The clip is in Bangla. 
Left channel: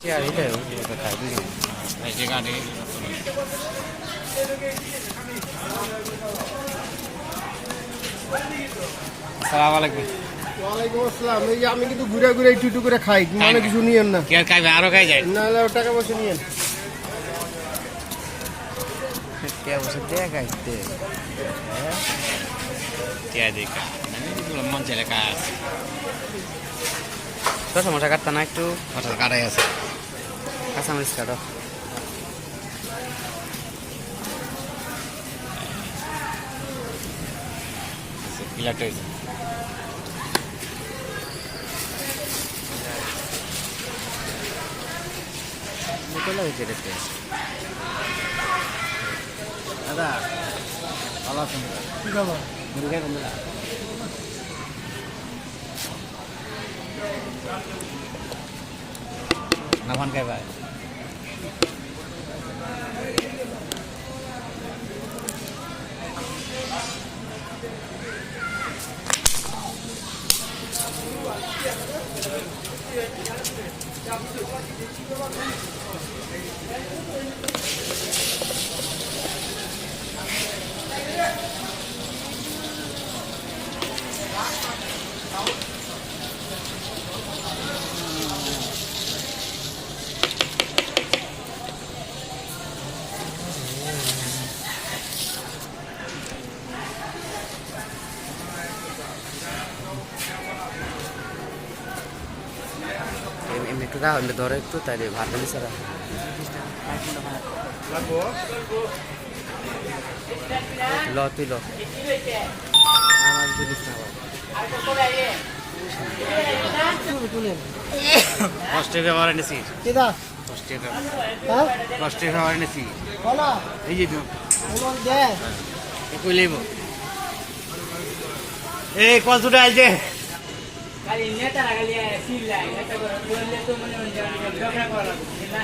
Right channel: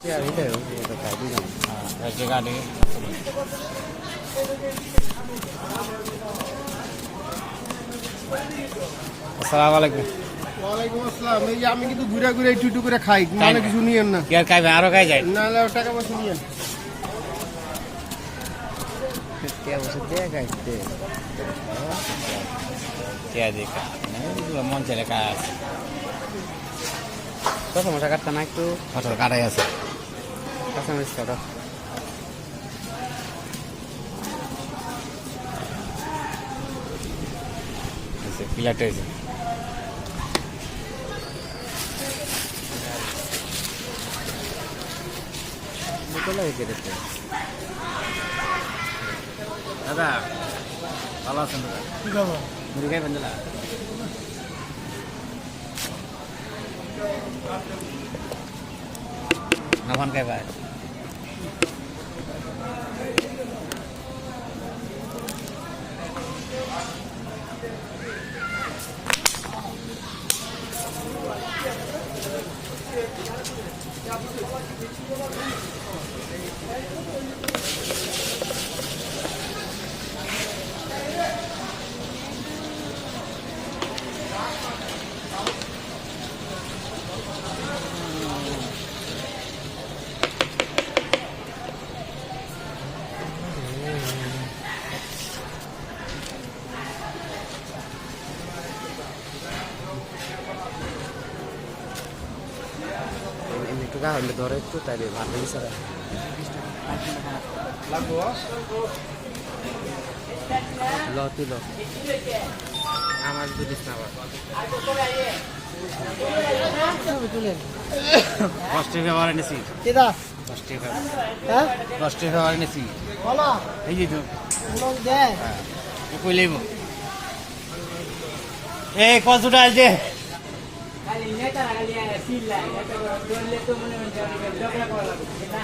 আর এটাই ওটা খাই দুজন ভেজে গাড়ি আসসালামু আলাইকুম। ওয়ালাইকুম আসসালাম। এই যে আমি কিন্তু ঘুরে ঘুরে একটু একটু করে খাই, মানে কিছু নিয়েন না। কি আর খাইবে আরো খাই যায় না না, টাকা পয়সা নিয়েন। টাকা পয়সা দিয়ে খাইতে কে দেখা মন চাইলে কাজ তো সমস্যা কাটতা না একটু কথা কাটাই আছে কাঁচামরিচ কাটো। প্লেট হয়েছে বোতল হয়েছে দেখতে। দাদা ভালো আছেন? দাদা কি খাবো? মুড়ি খাইবেন দাদা? না ভান খাইবা এমনি একটু রাখুন, ধরে একটু তাইলে ভালো লাগে স্যার। ল তুই ল, আমার বুঝিস না আবার। 10 টাকা ব্যবহার এনেছি কেদা 10 টাকা হ্যাঁ 10 টাকা ব্যবহার এনেছি বলো এই যে তুই বলো দে কই লইব এই 5 টাকা আইছে খালি নেতা রাখালি সিল লাগে নেতা করে বললে তো মনে মনে ঝগড়া করা লাগবে না।